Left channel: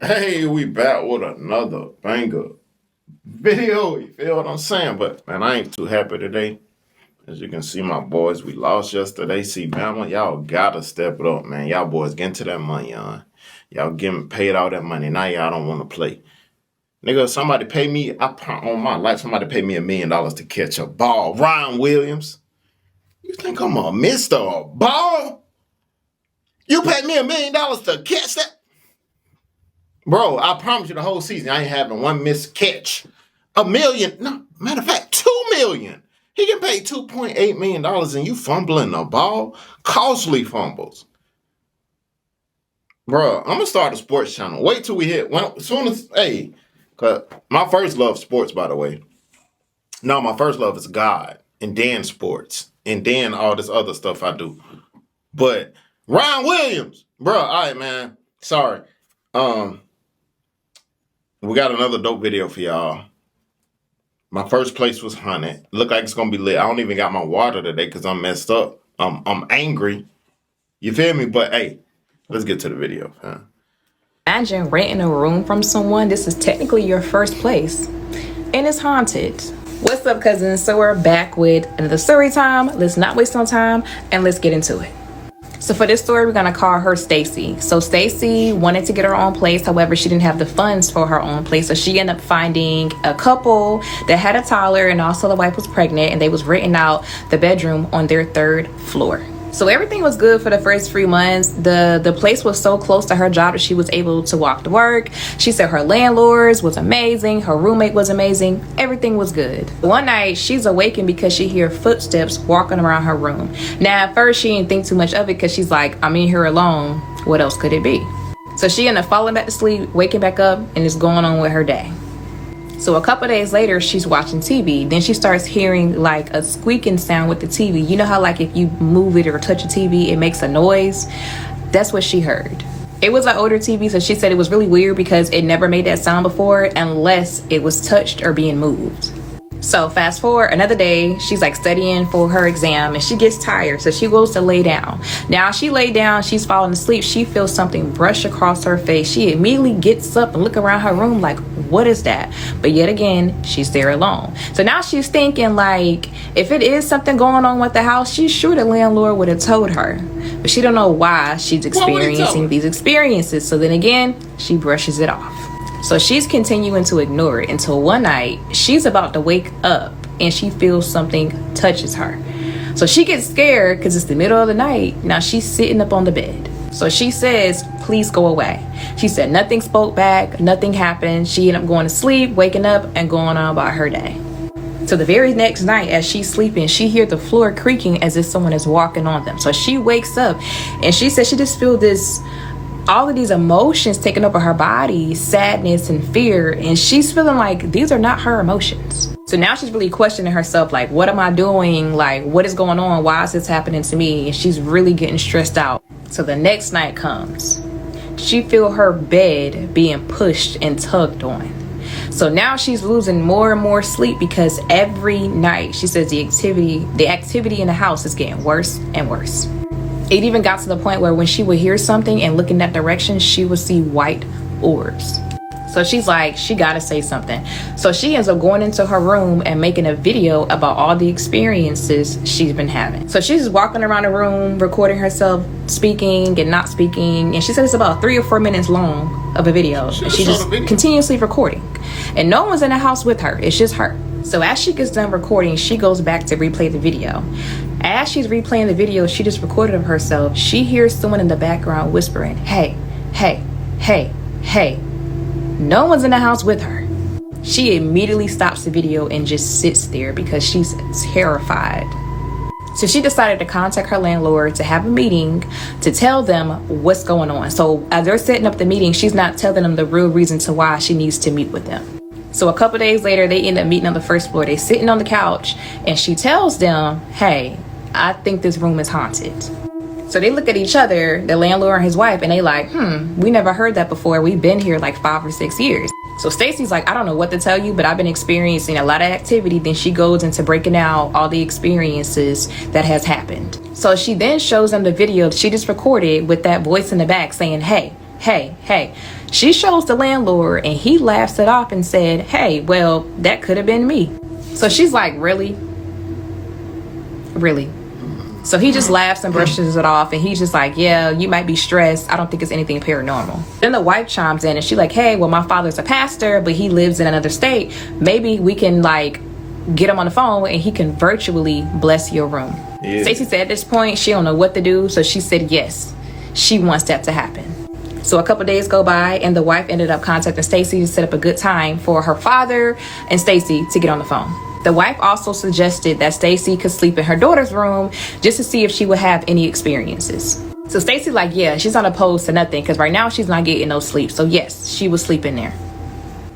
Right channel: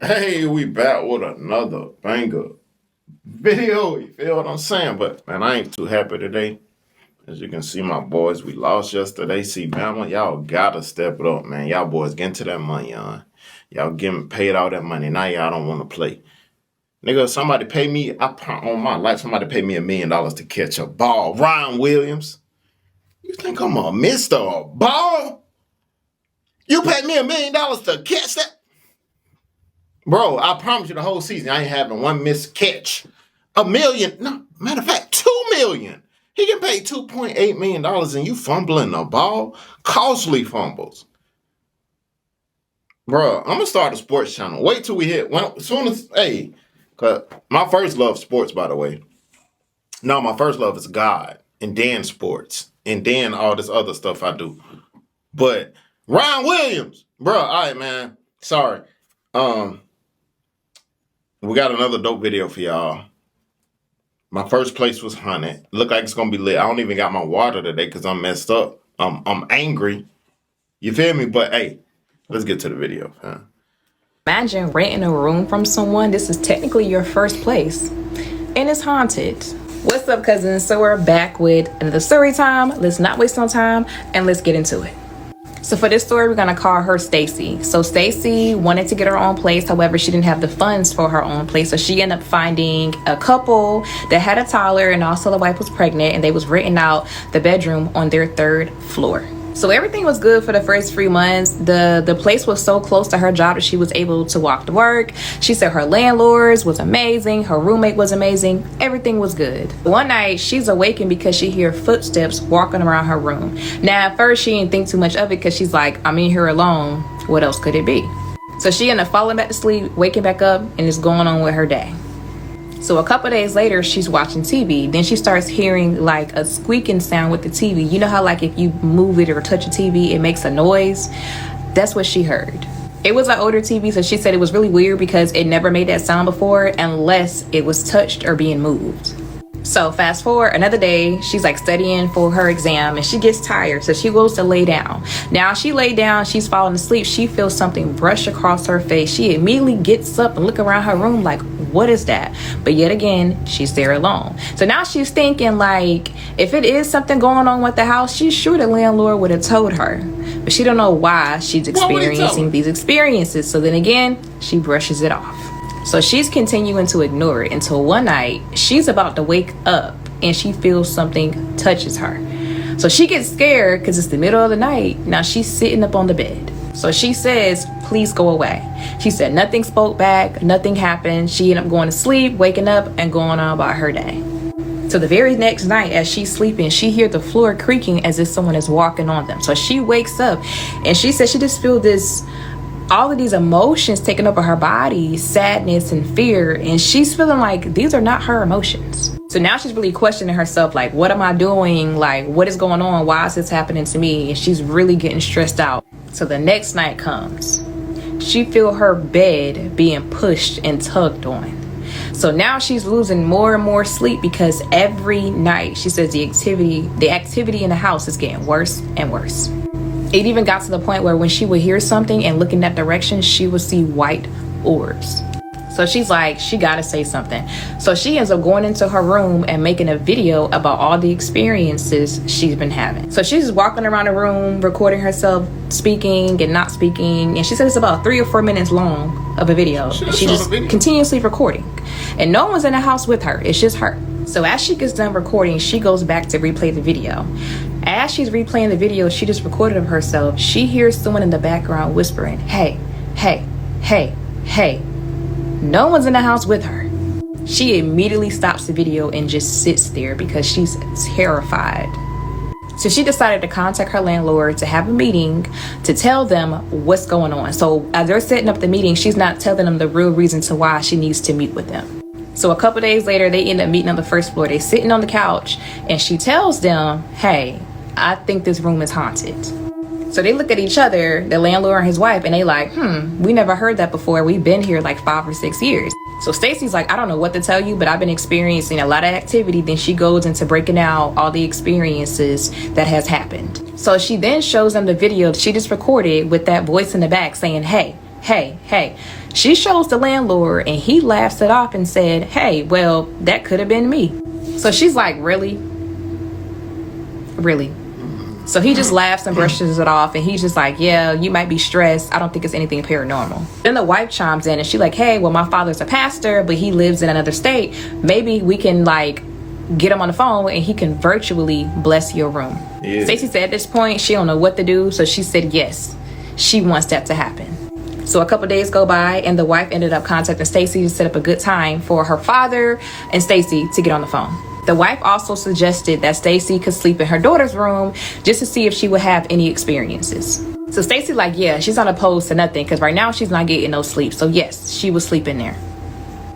Hey, we back with another banger video. You feel what I'm saying? But man, I ain't too happy today. As you can see, my boys, we lost yesterday. See, Bama, y'all gotta step it up, man. Y'all boys getting to that money, y'all getting paid all that money. Now y'all don't want to play. Nigga, somebody pay me, on my life, somebody pay me $1 million to catch a ball. Ryan Williams. You think I'm a Mr. Ball? You pay me $1 million to catch that? Bro, I promise you the whole season I ain't having one missed catch. $1 million, no, matter of fact, $2 million. He can pay $2.8 million and you fumbling the ball. Costly fumbles. Bro, I'm gonna start a sports channel. Wait till we hit as soon as cause my first love sports, by the way. No, my first love is God, and then sports, and then all this other stuff I do. But Ryan Williams, bro, all right, man. Sorry. We got another dope video for y'all. My first place was 100. Look like it's gonna be lit. I don't even got my water today because I'm messed up. I'm angry. You feel me? But hey, let's get to the video. Imagine renting a room from someone. This is technically your first place, and it's haunted. What's up, cousins? So we're back with the story time. Let's not waste no time and let's get into it. So for this story, we're gonna call her Stacy. So Stacy wanted to get her own place. However, she didn't have the funds for her own place. So she ended up finding a couple that had a toddler and also the wife was pregnant, and they was renting out the bedroom on their third floor. So everything was good for the first 3 months. The place was so close to her job that she was able to walk to work. She said her landlords was amazing. Her roommate was amazing. Everything was good. One night, she's awakened because she hear footsteps walking around her room. Now, at first, she didn't think too much of it because she's like, I'm in here alone. What else could it be? So she ended up falling back to sleep, waking back up, and is going on with her day. So a couple days later, she's watching TV. Then she starts hearing like a squeaking sound with the TV. You know how like if you move it or touch a TV, it makes a noise? That's what she heard. It was an older TV, so she said it was really weird because it never made that sound before unless it was touched or being moved. So fast forward another day, she's like studying for her exam and she gets tired, so she goes to lay down. Now she lay down, she's falling asleep, she feels something brush across her face. She immediately gets up and look around her room like, what is that? But yet again, she's there alone. So now she's thinking like, if it is something going on with the house, she's sure the landlord would have told her. But she don't know why she's experiencing these experiences. So then again, she brushes it off. So she's continuing to ignore it until one night she's about to wake up and she feels something touches her. So she gets scared because it's the middle of the night. Now she's sitting up on the bed. So she says, please go away. She said nothing spoke back, nothing happened. She ended up going to sleep, waking up, and going on about her day. So the very next night as she's sleeping, she hears the floor creaking as if someone is walking on them. So she wakes up and she said she just feels all of these emotions taking over her body, sadness and fear, and she's feeling like these are not her emotions. So now she's really questioning herself, like, what am I doing? Like, what is going on? Why is this happening to me? And she's really getting stressed out. So the next night comes. She feel her bed being pushed and tugged on. So now she's losing more and more sleep because every night she says the activity in the house is getting worse and worse. It even got to the point where when she would hear something and look in that direction, she would see white orbs. So she's like, she gotta say something. So she ends up going into her room and making a video about all the experiences she's been having. So she's just walking around the room, recording herself speaking and not speaking. And she says it's about 3 or 4 minutes long of a video. She's just continuously recording. And no one's in the house with her. It's just her. So as she gets done recording, she goes back to replay the video. As she's replaying the video she just recorded of herself, she hears someone in the background whispering, hey, hey, hey, hey. No one's in the house with her. She immediately stops the video and just sits there because she's terrified. So she decided to contact her landlord to have a meeting to tell them what's going on. So as they're setting up the meeting, she's not telling them the real reason to why she needs to meet with them. So a couple days later, they end up meeting on the first floor. They're sitting on the couch and she tells them, hey, I think this room is haunted. So they look at each other, the landlord and his wife, and they like, we never heard that before. We've been here like 5 or 6 years. So Stacy's like, I don't know what to tell you, but I've been experiencing a lot of activity. Then she goes into breaking out all the experiences that has happened. So she then shows them the video she just recorded with that voice in the back saying, hey, hey, hey. She shows the landlord and he laughs it off and said, hey, well, that could have been me. So she's like, really? Really? So he just laughs and brushes it off, and he's just like, yeah, you might be stressed. I don't think it's anything paranormal. Then the wife chimes in and she's like, hey, well, my father's a pastor, but he lives in another state. Maybe we can like get him on the phone and he can virtually bless your room. Yeah. Stacey said at this point she don't know what to do, so she said yes, she wants that to happen. So a couple days go by and the wife ended up contacting Stacey to set up a good time for her father and Stacey to get on the phone. The wife also suggested that Stacey could sleep in her daughter's room just to see if she would have any experiences. So Stacey like, yeah, she's not opposed to nothing because right now she's not getting no sleep. So yes, she would sleep in there.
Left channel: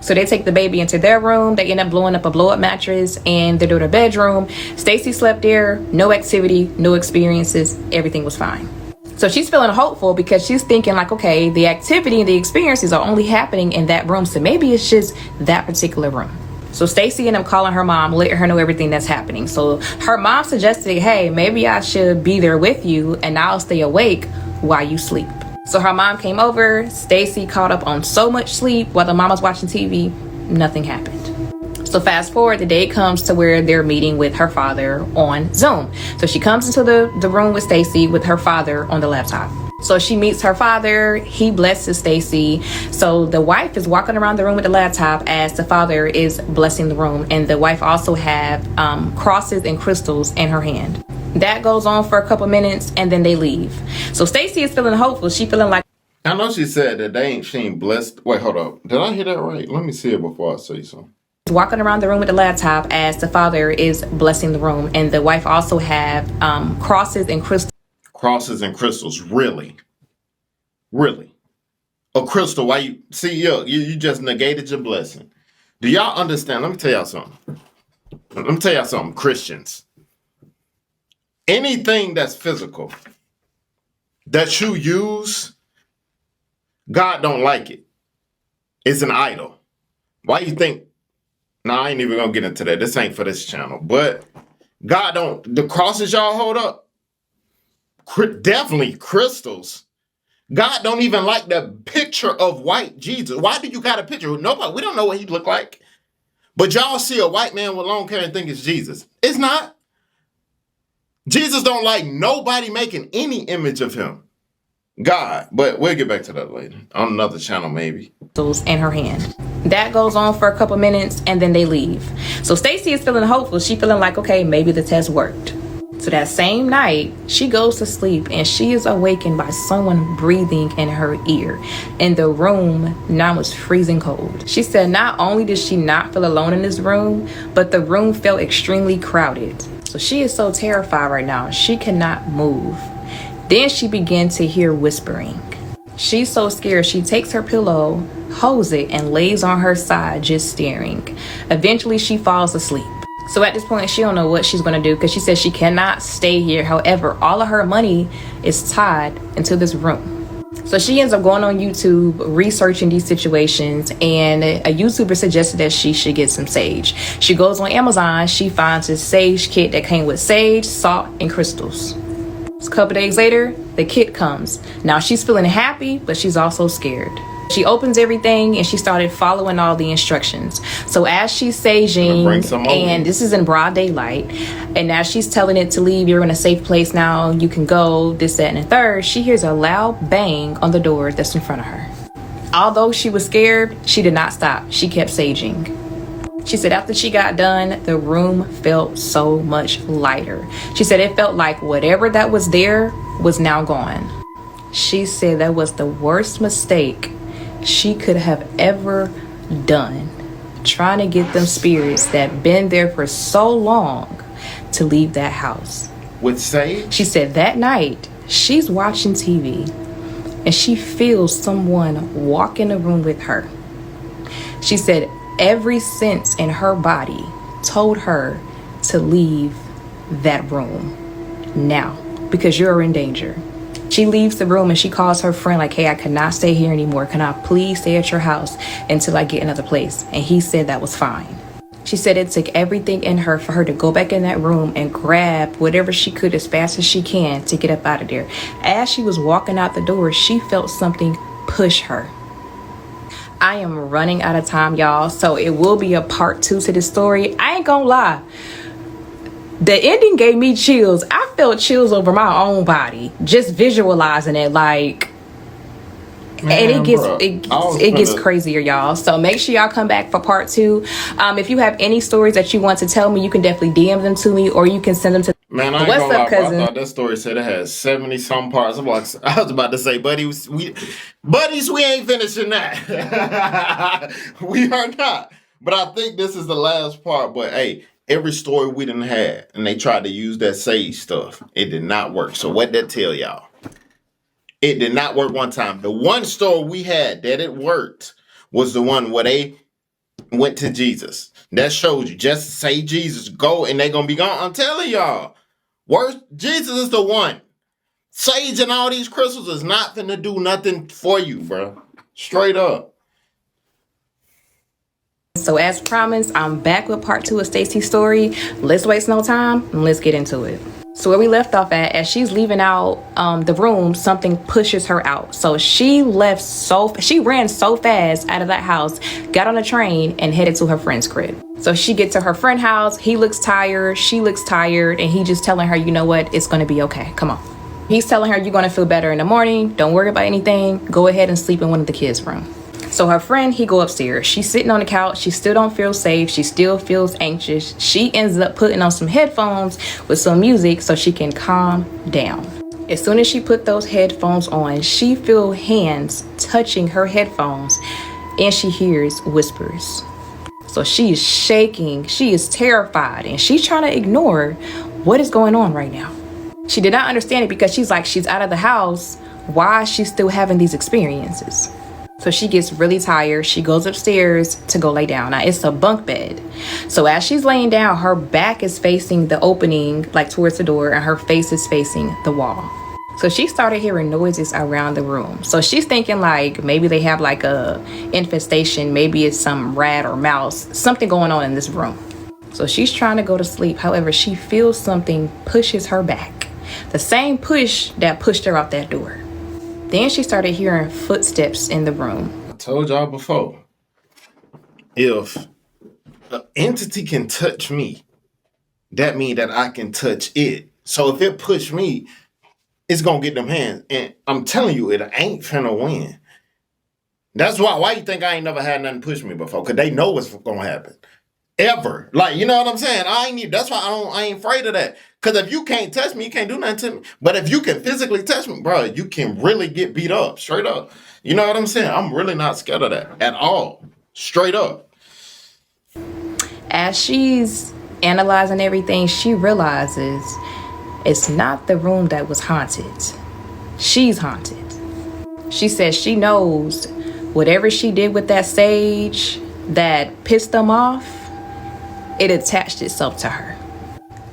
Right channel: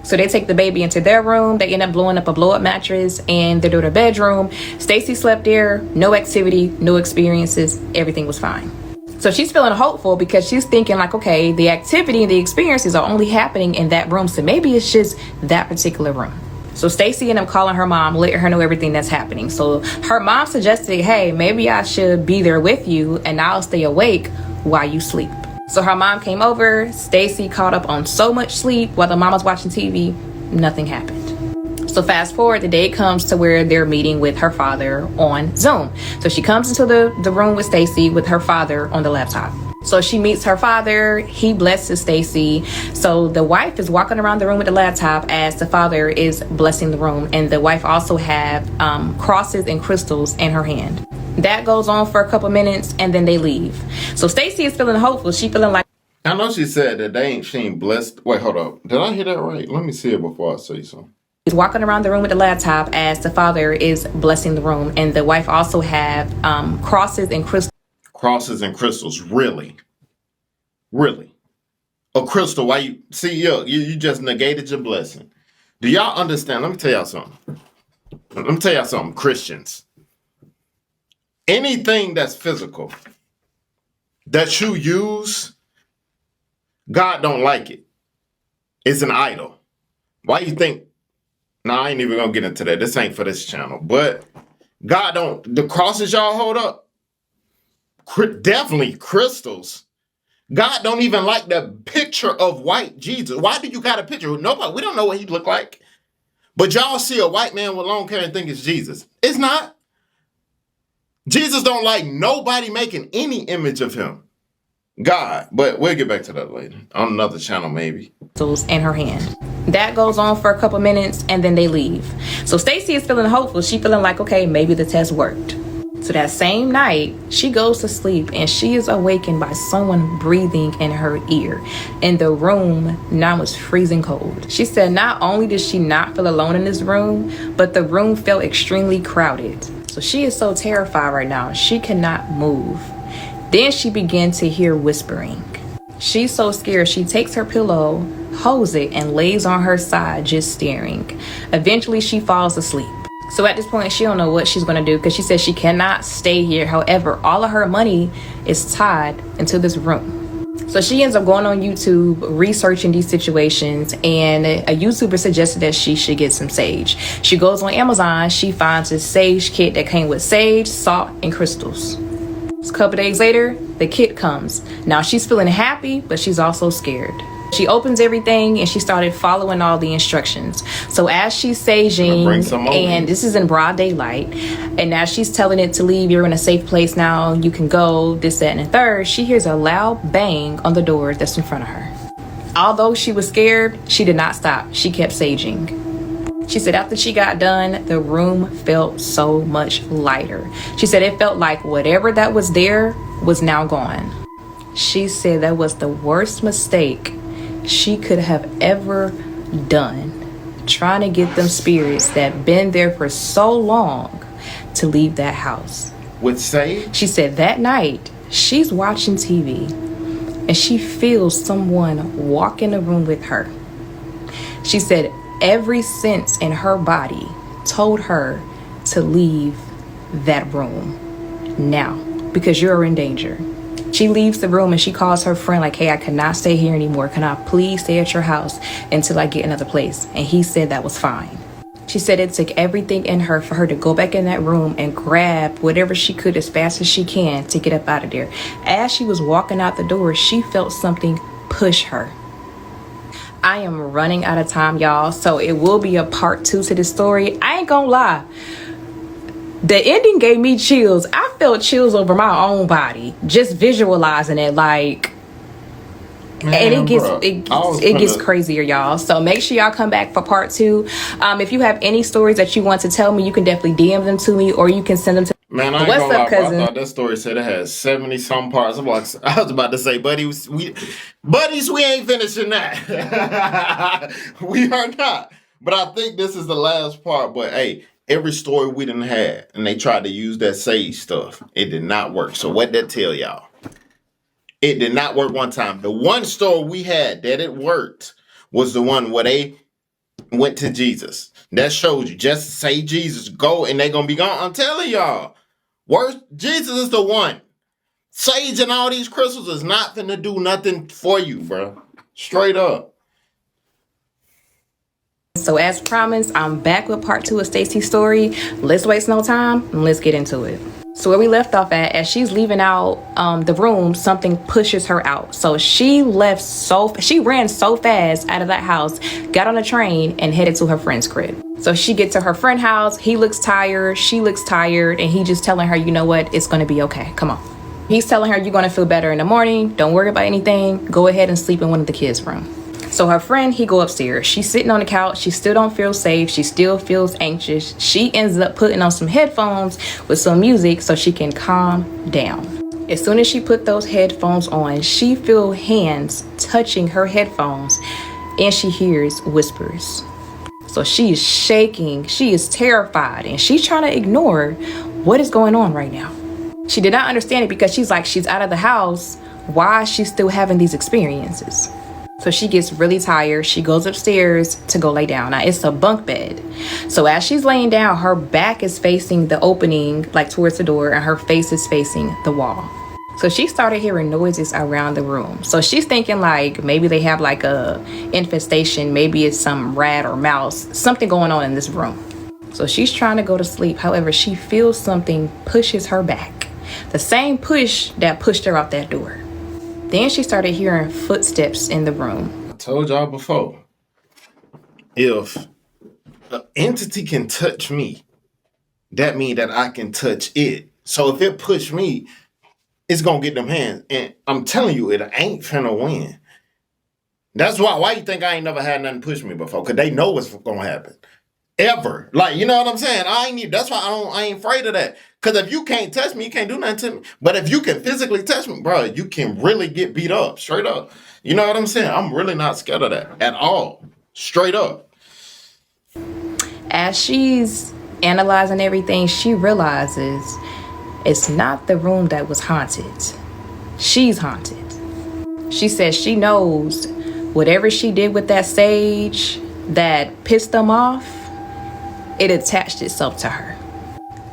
So they take the baby into their room. They end up blowing up a blow-up mattress in their daughter's bedroom. Stacey slept there, no activity, no experiences, everything was fine. So she's feeling hopeful because she's thinking like, okay, the activity and the experiences are only happening in that room, so maybe it's just that particular room. So Stacey ended up calling her mom, letting her know everything that's happening. So her mom suggested, hey, maybe I should be there with you and I'll stay awake while you sleep. So her mom came over. Stacey caught up on so much sleep while the mom was watching TV, nothing happened. So fast forward, the day comes to where they're meeting with her father on Zoom. So she comes into the room with Stacey with her father on the laptop. So she meets her father, he blesses Stacey. So the wife is walking around the room with the laptop as the father is blessing the room. And the wife also have crosses and crystals in her hand. That goes on for a couple minutes and then they leave. So Stacey is feeling hopeful. She feeling like, I know she said that she ain't blessed. Wait, hold up. Did I hear that right? Let me see it before I say something. Walking around the room with the laptop as the father is blessing the room. And the wife also have crosses and crystals. Crosses and crystals, really? Really? A crystal, why you... See, you just negated your blessing. Do y'all understand? Let me tell y'all something. Christians. Anything that's physical that you use, God don't like it. It's an idol. Why you think... Nah, I ain't even gonna get into that. This ain't for this channel. But God don't... The crosses y'all hold up, definitely crystals. God don't even like the picture of white Jesus. Why do you got a picture? Nobody, we don't know what he look like. But y'all see a white man with long hair and think it's Jesus. It's not. Jesus don't like nobody making any image of him. God. But we'll get back to that later. On another channel, maybe. In her hand. That goes on for a couple minutes and then they leave. So Stacey is feeling hopeful. She feeling like, okay, maybe the test worked. So that same night, she goes to sleep and she is awakened by someone breathing in her ear. And the room now is freezing cold. She said not only did she not feel alone in this room, but the room felt extremely crowded. So she is so terrified right now, she cannot move. Then she began to hear whispering. She's so scared, she takes her pillow, holds it, and lays on her side just staring. Eventually, she falls asleep. So at this point, she don't know what she's going to do because she says she cannot stay here. However, all of her money is tied into this room. So she ends up going on YouTube, researching these situations, and a YouTuber suggested that she should get some sage. She goes on Amazon, she finds a sage kit that came with sage, salt, and crystals. A couple days later, the kit comes. Now she's feeling happy, but she's also scared. She opens everything and she started following all the instructions. So as she's saging, and this is in broad daylight, and as she's telling it to leave, you're in a safe place now, you can go, this, that, and the third, she hears a loud bang on the door that's in front of her. Although she was scared, she did not stop. She kept saging. She said after she got done, the room felt so much lighter. She said it felt like whatever that was there was now gone. She said that was the worst mistake she could have ever done, trying to get them spirits that been there for so long to leave that house. With sage? She said that night she's watching TV and she feels someone walk in the room with her. She said every sense in her body told her to leave that room now because you're in danger. She leaves the room and she calls her friend like, hey, I cannot stay here anymore. Can I please stay at your house until I get another place? And he said that was fine. She said it took everything in her for her to go back in that room and grab whatever she could as fast as she can to get up out of there. As she was walking out the door, she felt something push her. I am running out of time, y'all, so it will be a part 2 to this story. I ain't gonna lie, the ending gave me chills. I felt chills over my own body just visualizing it. Like, Man, and it gets crazier, y'all. So make sure y'all come back for part 2. If you have any stories that you want to tell me, you can definitely DM them to me, or you can send them to. Man, I ain't What's gonna up, lie, bro. cousin? I thought that story said it has 70 some parts. I was about to say, buddies, we ain't finishing that. We are not. But I think this is the last part. But hey, every story we done had, and they tried to use that sage stuff, it did not work. So what that tell y'all? It did not work one time. The one story we had that it worked was the one where they went to Jesus. That shows you, just say Jesus, go, and they gonna be gone. I'm telling y'all, Jesus is the one. Sage and all these crystals is not finna do nothing for you, bro. Straight up. So as promised, I'm back with part 2 of Stacy's story. Let's waste no time and let's get into it. So where we left off at, as she's leaving out the room, something pushes her out. So she ran so fast out of that house, got on a train, and headed to her friend's crib. So she gets to her friend's house. He looks tired. She looks tired. And he just telling her, you know what? It's going to be okay. Come on. He's telling her, you're going to feel better in the morning. Don't worry about anything. Go ahead and sleep in one of the kids' rooms. So her friend, he go upstairs. She's sitting on the couch. She still don't feel safe. She still feels anxious. She ends up putting on some headphones with some music so she can calm down. As soon as she put those headphones on, she feels hands touching her headphones and she hears whispers. So she is shaking. She is terrified and she's trying to ignore what is going on right now. She did not understand it because she's out of the house. Why is she still having these experiences? So she gets really tired. She goes upstairs to go lay down. Now it's a bunk bed. So as she's laying down, her back is facing the opening, like towards the door, and her face is facing the wall. So she started hearing noises around the room. So she's thinking like maybe they have like a infestation. Maybe it's some rat or mouse, something going on in this room. So she's trying to go to sleep. However, she feels something pushes her back. The same push that pushed her out that door. Then she started hearing footsteps in the room. I told y'all before, if an entity can touch me, that means that I can touch it. So if it push me, it's going to get them hands. And I'm telling you, it ain't finna win. That's why you think I ain't never had nothing push me before? Because they know what's going to happen. Ever. Like, you know what I'm saying? That's why I ain't afraid of that. Because if you can't touch me, you can't do nothing to me. But if you can physically touch me, bro, you can really get beat up. Straight up. You know what I'm saying? I'm really not scared of that at all. Straight up. As she's analyzing everything, she realizes it's not the room that was haunted. She's haunted. She says she knows whatever she did with that sage that pissed them off, it attached itself to her.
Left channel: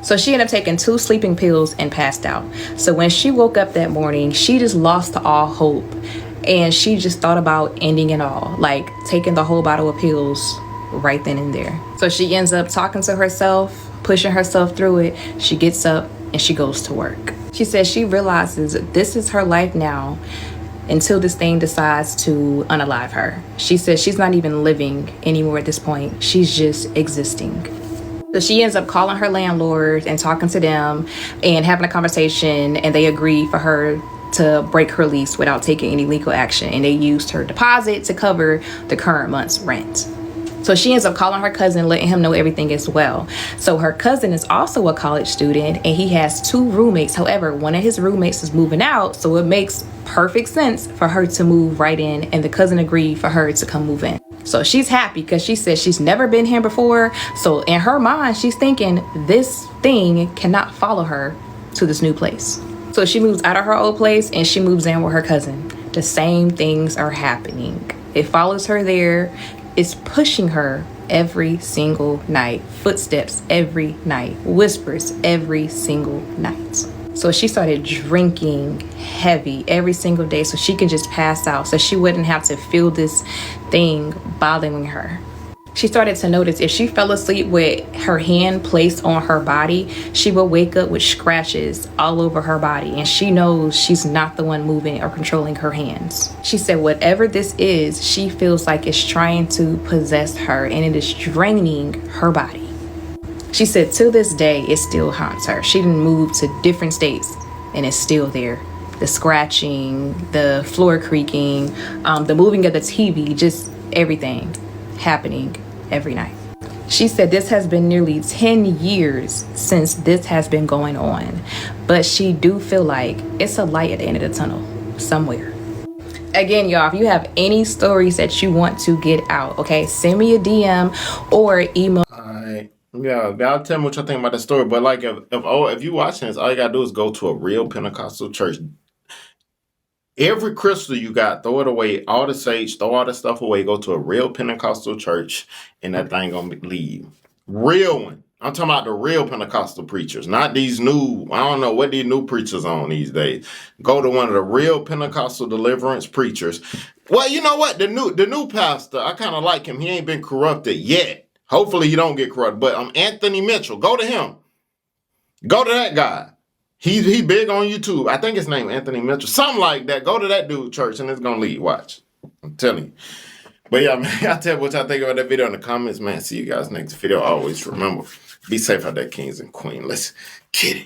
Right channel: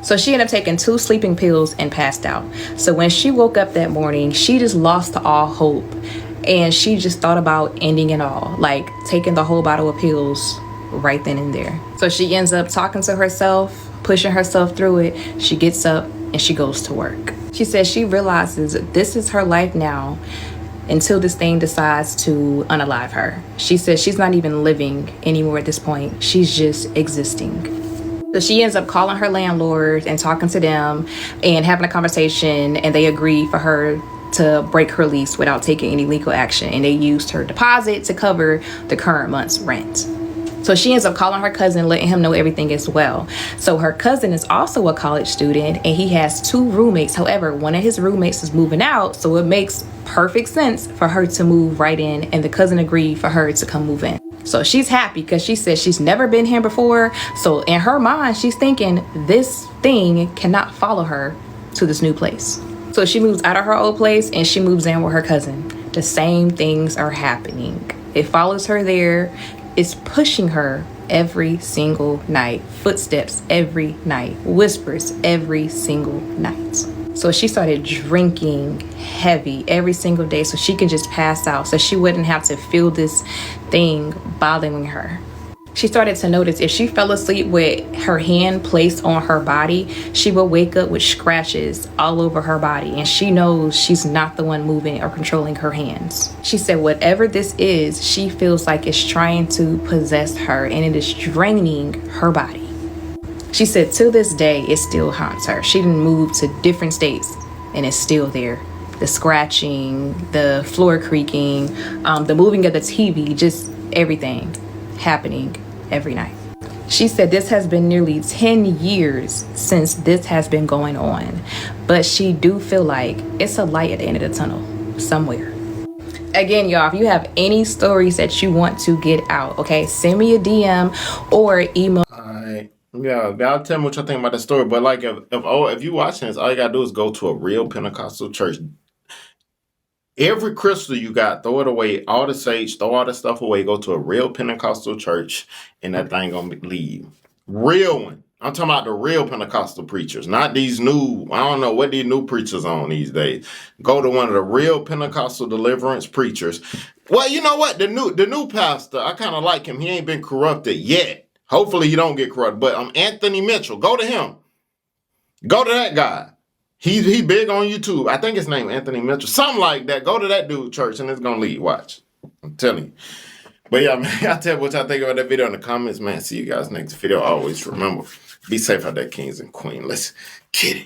So she ended up taking 2 sleeping pills and passed out. So when she woke up that morning, she just lost all hope. And she just thought about ending it all, like taking the whole bottle of pills right then and there. So she ends up talking to herself, pushing herself through it. She gets up and she goes to work. She says she realizes this is her life now until this thing decides to unalive her. She says she's not even living anymore at this point. She's just existing. So she ends up calling her landlord and talking to them and having a conversation, and they agree for her to break her lease without taking any legal action, and they used her deposit to cover the current month's rent. So she ends up calling her cousin, letting him know everything as well. So her cousin is also a college student and he has 2 roommates. However, one of his roommates is moving out, so it makes perfect sense for her to move right in, and the cousin agreed for her to come move in. So she's happy because she says she's never been here before. So in her mind, she's thinking this thing cannot follow her to this new place. So she moves out of her old place and she moves in with her cousin. The same things are happening. It follows her there. It's pushing her every single night. Footsteps every night. Whispers every single night. So she started drinking heavy every single day so she could just pass out, so she wouldn't have to feel this thing bothering her. She started to notice if she fell asleep with her hand placed on her body, she would wake up with scratches all over her body, and she knows she's not the one moving or controlling her hands. She said whatever this is, she feels like it's trying to possess her and it is draining her body. She said to this day, it still haunts her. She didn't move to different states and it's still there. The scratching, the floor creaking, the moving of the TV, just everything happening every night. She said this has been nearly 10 years since this has been going on, but she do feel like it's a light at the end of the tunnel somewhere. Again, y'all, if you have any stories that you want to get out, okay, send me a DM or email. Alright. Yeah, y'all tell me what y'all think about the story. But like if you watching this, all you gotta do is go to a real Pentecostal church. Every crystal you got, throw it away. All the sage, throw all the stuff away. Go to a real Pentecostal church, and that thing gonna leave. Real one. I'm talking about the real Pentecostal preachers, not these new. I don't know what these new preachers on these days. Go to one of the real Pentecostal deliverance preachers. Well, you know what? The new pastor, I kind of like him. He ain't been corrupted yet. Hopefully, you don't get corrupted. But Anthony Mitchell. Go to him. Go to that guy. He big on YouTube. I think his name Anthony Mitchell. Something like that. Go to that dude church and it's gonna lead. Watch. I'm telling you. But yeah, man, y'all tell me what y'all think about that video in the comments, man. See you guys next video. Always remember, be safe out there, kings and queens. Let's get it.